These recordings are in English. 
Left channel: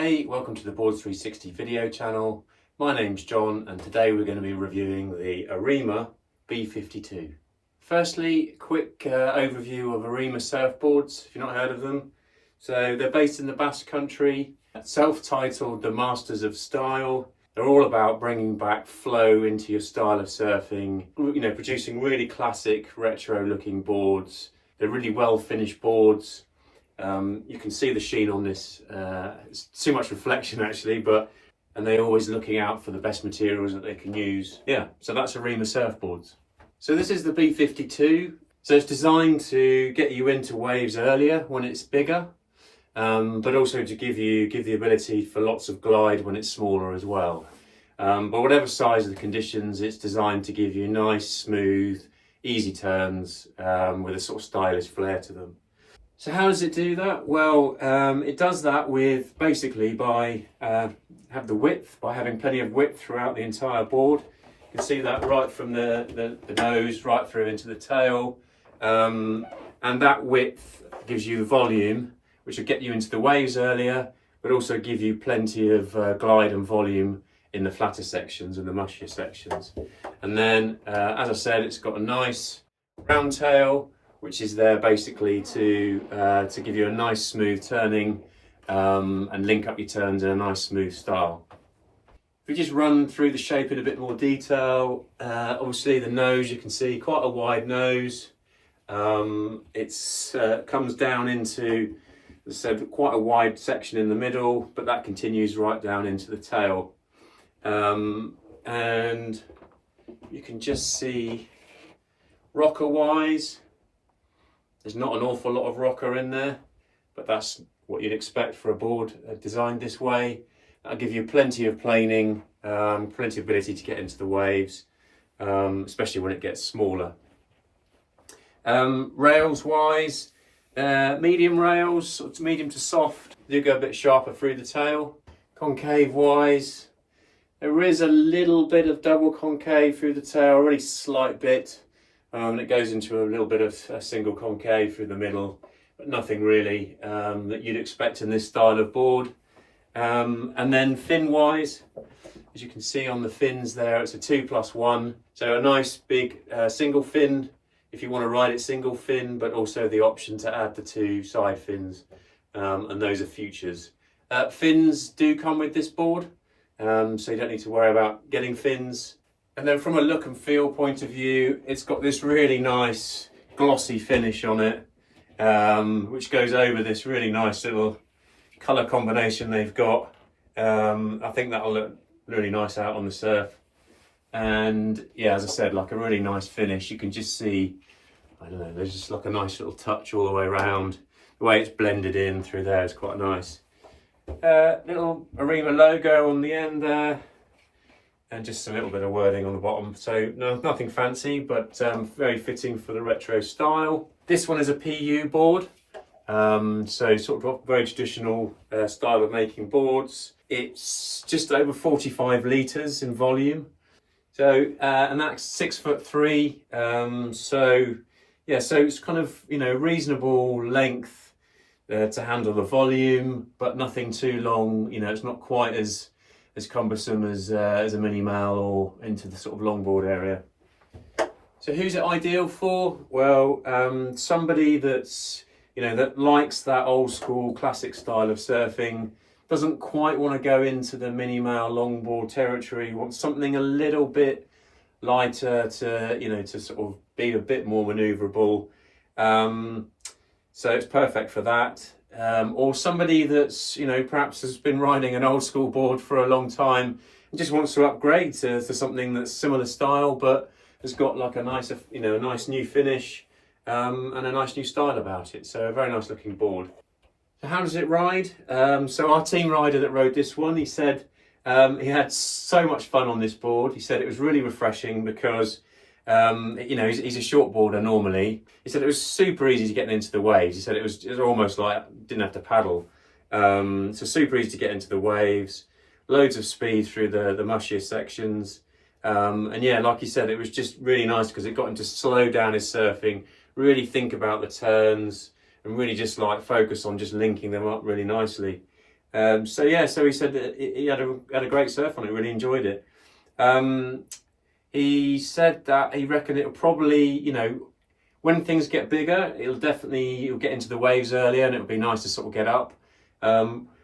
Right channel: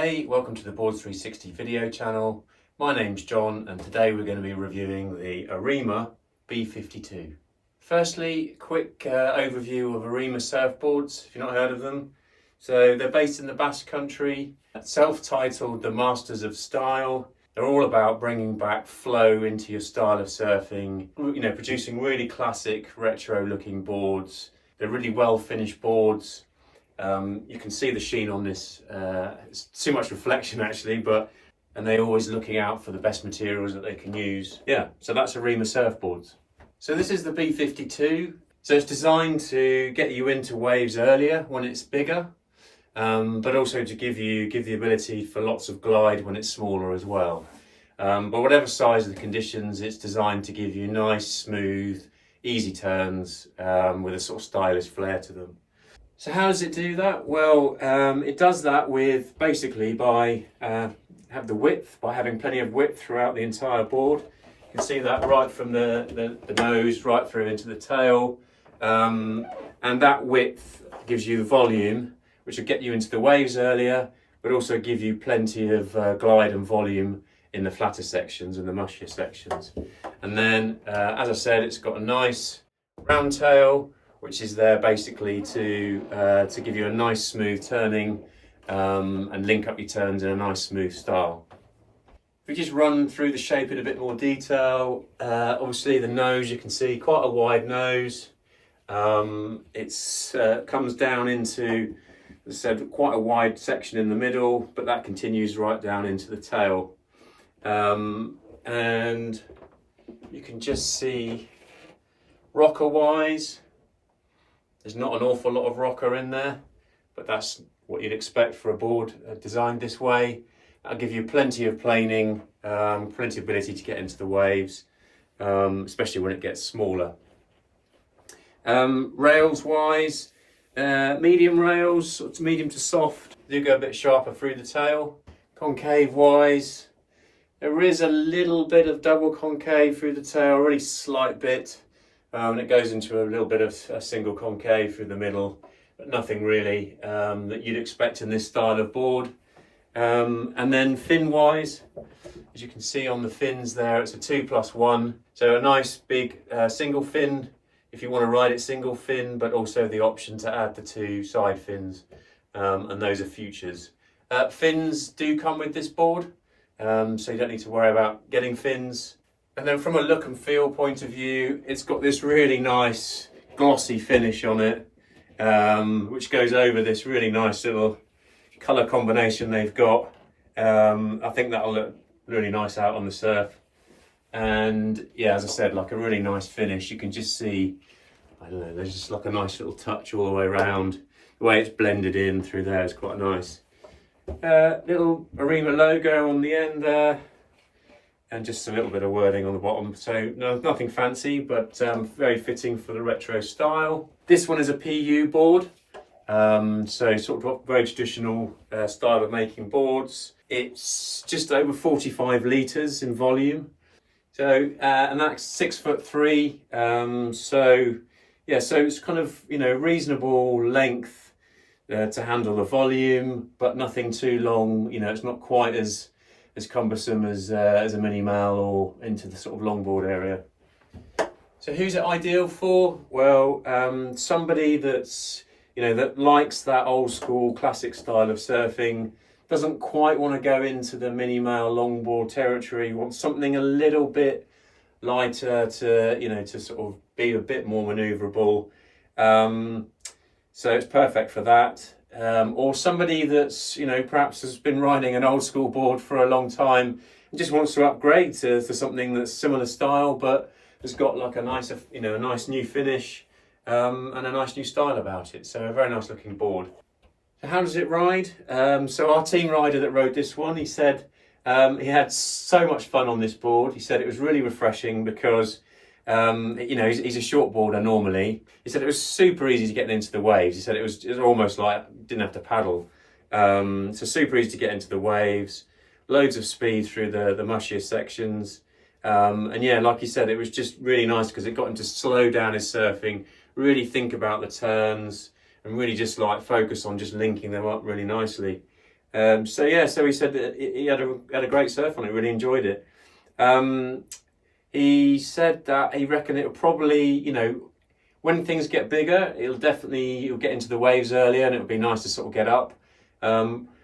Hey, welcome to the Boards360 video channel. My name's John and today we're going to be reviewing the Arima B52. Firstly, quick overview of Arima Surfboards, if you've not heard of them. So they're based in the Basque Country, self-titled The Masters of Style. They're all about bringing back flow into your style of surfing, producing really classic retro looking boards. They're really well finished boards. You can see the sheen on this, it's too much reflection actually, and they're always looking out for the best materials that they can use. Yeah, so that's Arima Surfboards. So this is the B52. So it's designed to get you into waves earlier when it's bigger, but also to give the ability for lots of glide when it's smaller as well. But whatever size of the conditions, it's designed to give you nice, smooth, easy turns with a sort of stylish flair to them. So how does it do that? Well, it does that with basically by having plenty of width throughout the entire board. You can see that right from the nose right through into the tail, and that width gives you the volume, which will get you into the waves earlier, but also give you plenty of glide and volume in the flatter sections and the mushier sections. And then, as I said, it's got a nice round tail, which is there basically to give you a nice smooth turning and link up your turns in a nice smooth style. If we just run through the shape in a bit more detail, obviously the nose, you can see quite a wide nose. It comes down into, as I said, quite a wide section in the middle, but that continues right down into the tail. And you can just see rocker wise, there's not an awful lot of rocker in there, but that's what you'd expect for a board designed this way. That'll give you plenty of planing, plenty of ability to get into the waves, especially when it gets smaller. Rails wise, medium rails, medium to soft. They do go a bit sharper through the tail. Concave wise, there is a little bit of double concave through the tail, a really slight bit. And it goes into a little bit of a single concave through the middle, but nothing really that you'd expect in this style of board. And then fin wise, as you can see on the fins there, it's a 2+1. So a nice big single fin if you want to ride it single fin, but also the option to add the two side fins, and those are futures. Fins do come with this board, so you don't need to worry about getting fins. And then from a look and feel point of view, it's got this really nice glossy finish on it, which goes over this really nice little colour combination they've got. I think that'll look really nice out on the surf. And yeah, as I said, like a really nice finish. You can just see, I don't know, there's just like a nice little touch all the way around. The way it's blended in through there is quite nice. Little Arima logo on the end there. And just a little bit of wording on the bottom. So nothing fancy, but very fitting for the retro style. This one is a PU board. So sort of very traditional style of making boards. It's just over 45 litres in volume. So, and that's 6'3". So yeah, so it's kind of, reasonable length to handle the volume, but nothing too long. It's not quite as cumbersome as a mini mal or into the sort of longboard area. So who's it ideal for? Well, somebody that's, that likes that old school classic style of surfing, doesn't quite want to go into the mini mal longboard territory, wants something a little bit lighter to, to sort of be a bit more maneuverable. So it's perfect for that. Or somebody that's, perhaps has been riding an old school board for a long time and just wants to upgrade to something that's similar style, but has got like a nice, a nice new finish and a nice new style about it. So a very nice looking board. So how does it ride? So our team rider that rode this one, he said he had so much fun on this board. He said it was really refreshing because he's a shortboarder normally. He said it was super easy to get into the waves. He said it was almost like didn't have to paddle. So super easy to get into the waves, loads of speed through the mushier sections. And yeah, like he said, it was just really nice because it got him to slow down his surfing, really think about the turns, and really just like focus on just linking them up really nicely. So yeah, so he said that he had a great surf on it, really enjoyed it. He said that he reckoned it'll probably, you know, when things get bigger, you'll get into the waves earlier, and it'll be nice to sort of get up.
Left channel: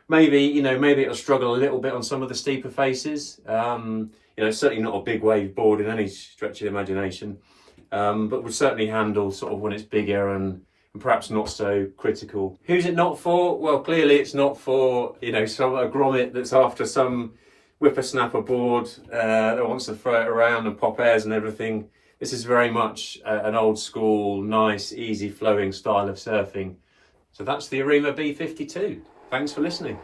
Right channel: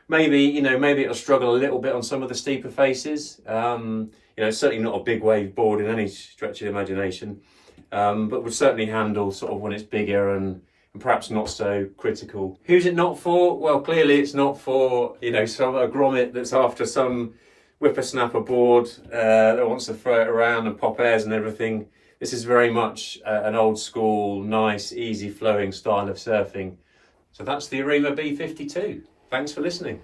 Maybe it'll struggle a little bit on some of the steeper faces. You know, certainly not a big wave board in any stretch of the imagination, but would certainly handle sort of when it's bigger and perhaps not so critical. Who's it not for? Well, clearly it's not for, you know, a grommet that's after some whippersnapper board that wants to throw it around and pop airs and everything. This is very much an old school, nice, easy flowing style of surfing. So that's the Arima B52. Thanks for listening.